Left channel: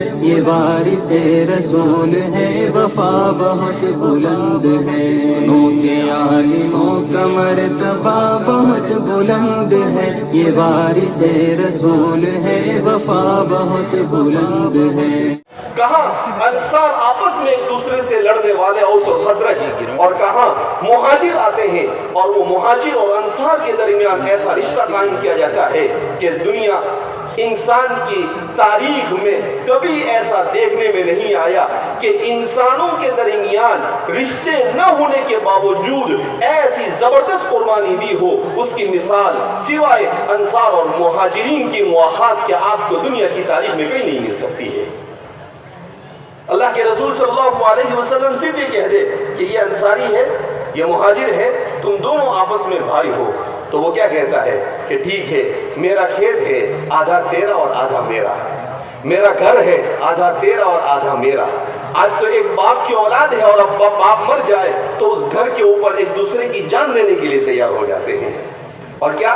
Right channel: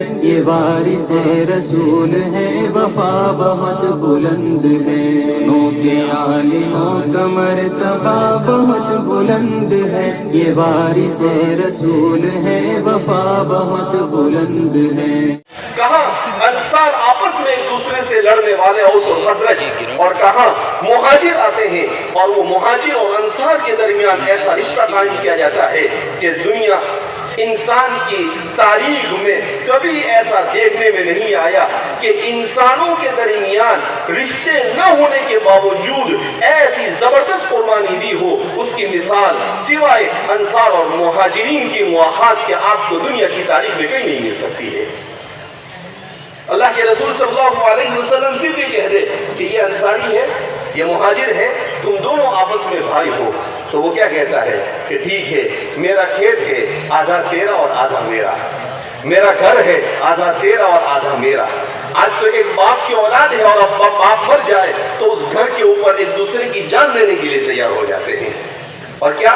یہ وارث رسول ہے، وفا بہت بلند ہے، سنو کہ عالموں کا مرتبہ بہت بلند ہے، یہ وارث رسول ہے، وفا بہت بلند ہے۔ کہاں انصار آپس میں ایک دوسرے سے لڑنے والے اوس اور خزرج، اور کہاں مہاجر آتے ہیں اور وہ مہاجر اور انصار کے درمیان ایسا رشتہ قائم کیا جاتا ہے کہ دنیا انسان کی تاریخ میں کبھی ایسا دیکھنے میں نہیں آیا کہ انسانوں کے درمیان رشتے نہ ہونے کے باوجود ایسی زبردست قربانی دی ہو، اس کی مثال سوائے انصار اور مہاجرین کی مواخات کے آپ کو دنیا کی تاریخ میں کہیں نہیں مل سکتی ہے۔ اللہ کے رسول صلی اللہ علیہ وسلم صرف یہ کہہ دے کہ یہ انصاری ہے، یہ مہاجر ہے، تم دونوں آپس میں بھائی ہو، تو وہ کیا کہتا ہے کہ ٹھیک ہے، میرا کھیت ہے، آدھا تیرا اور آدھا میرا، میرا گھر ہے، آدھا تیرا اور آدھا میرا۔ آج تو ایک باپ کی اولاد ہے اور اب باپ مر جائے تو اس گھر کے اوپر ایک دوسرے کی جان لینے کے لیے تیار ہو جاتے ہیں۔ اور کیا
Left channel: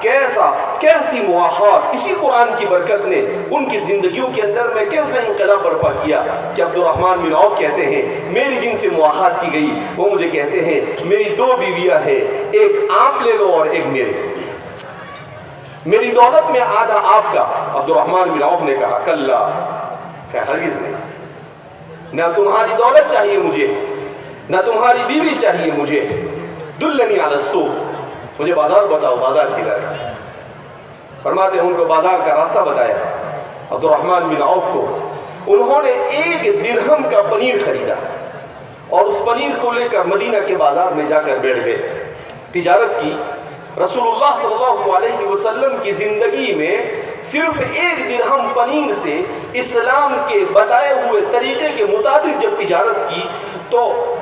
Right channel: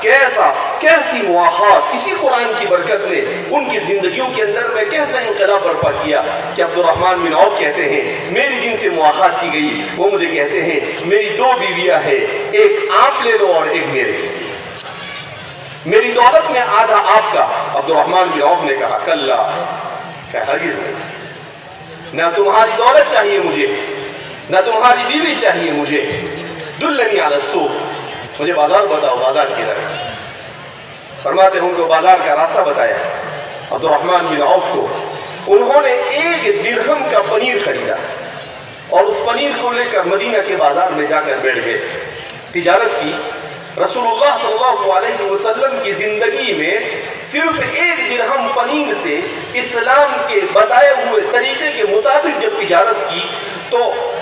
کیسی مواخات اسی قرآن کی برکت نے ان کی زندگیوں کے اندر میں کیسا انقلاب برپا کیا کہ عبد الرحمن بن عوف کہتے ہیں میری جن سے مواخات کی گئی، وہ مجھے کہتے ہیں میری دو بیویاں ہیں، ایک آپ لے لو اور ایک میری دولت میں آدھا آپ کا۔ عبد الرحمن بن عوف نے کہا کلا، کہ ہرگز نہیں، نہ تمہاری دولت چاہیے مجھے، نہ تمہاری بیوی چاہیے مجھے، دلنی علی السوق، مجھے بازار بتاؤ، بازار کدھر ہے؟ فرماتے ہیں ان کو بازار کا راستہ بتایا عبد الرحمن بن عوف کو۔ انہوں نے 1 درہم کا پنیر خریدا اور اس پنیر کو لے کر مدینہ کے بازار میں جا کر بیٹھ گئے، تجارت کی۔ رسول اللہ صلی اللہ علیہ وسلم کی زندگی میں صرف 1 درہم پنیر سے اسلام کے بتائے ہوئے طریقے کے مطابق جب تجارت کی تو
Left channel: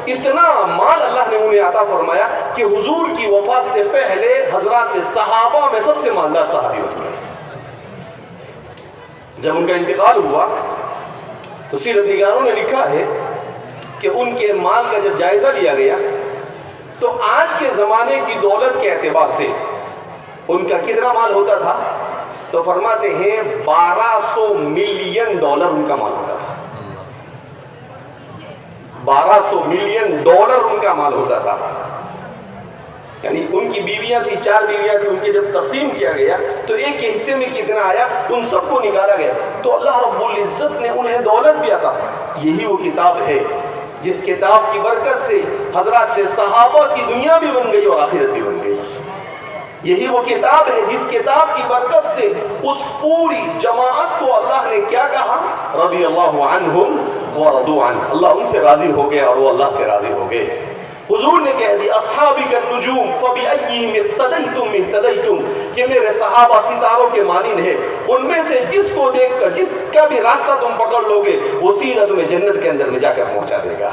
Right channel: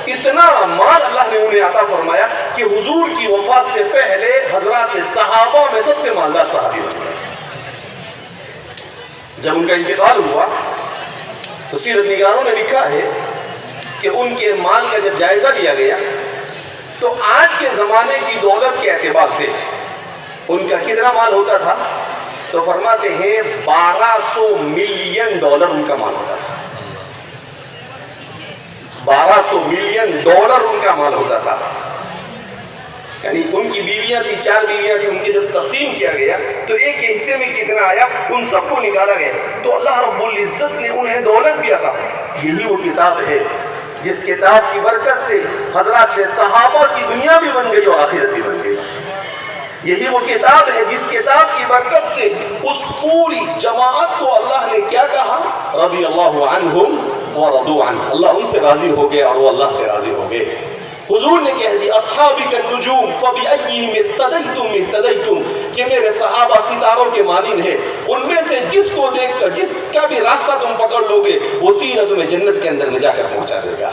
اتنا مال اللہ نے انہیں عطا فرمایا کہ حضور کی وفات سے پہلے حضرات صحابہ میں سب سے مالدار صحابی بن گئے۔ جب ان کا انتقال ہوا تو سیرت نگاروں نے لکھا ہے کہ ان کے مال کا جب جائزہ لیا گیا تو آج کے زمانے کی دولت کے اعتبار سے ان کا کتنا مال ہوتا تھا؟ تو فرماتے ہیں 1200 ملین ڈالر ان کا مال ہوتا تھا۔ 1200 ملین ڈالر ان کا مال ہوتا تھا۔ یعنی ان کی بیویاں تھی، 4 بیویاں تھی، ان کے جب تقسیم کیا گیا تو ایک کے حصے میں کتنا آیا ان سب کو نکالا گیا تو اللہ رب العزت نے انہیں دولت بھی عطا۔ یہی وہ کتاب ہے جس کتاب کی برکت سے حضرات صحابہ کی دنیا بھی بن گئی اور آخرت بھی بن گئی۔ یہی وہ کتاب ہے جس کتاب کی برکت سے اس پوری جماعت کو اللہ نے کیا کہا؟ رضی اللہ عنہم ورضوا عنہ، اللہ ان سے راضی ہو گئے اور وہ اللہ سے راضی ہو گئے۔ حضور نے کہہ دی اصحابک النجوم فبأیہم اقتدیتم اہتدیتم، کہ میرے صحابہ ستاروں کے مانند ہیں، ان میں سے جس کو دیکھ کر جس کا بھی راستہ تم پکڑ لوگے وہ سیدھا تمہیں جنت کے اندر میں جا کر پہنچا دے گا۔